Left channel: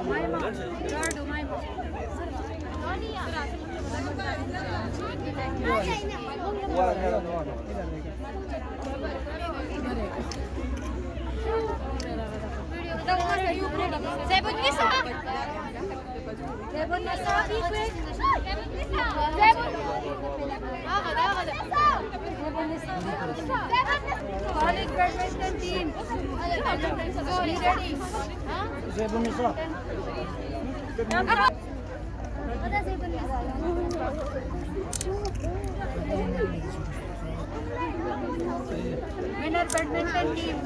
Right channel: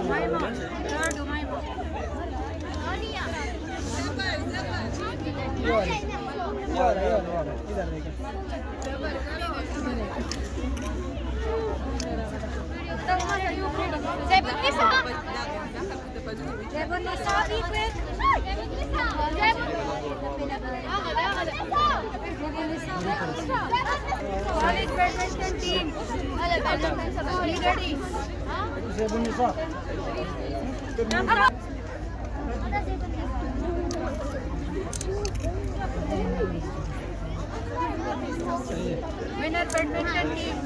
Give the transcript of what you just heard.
Umayma. Third Umayma. Zebunisa, be quick. College badminton team. Be ready. Zebunisa. Winner badminton team.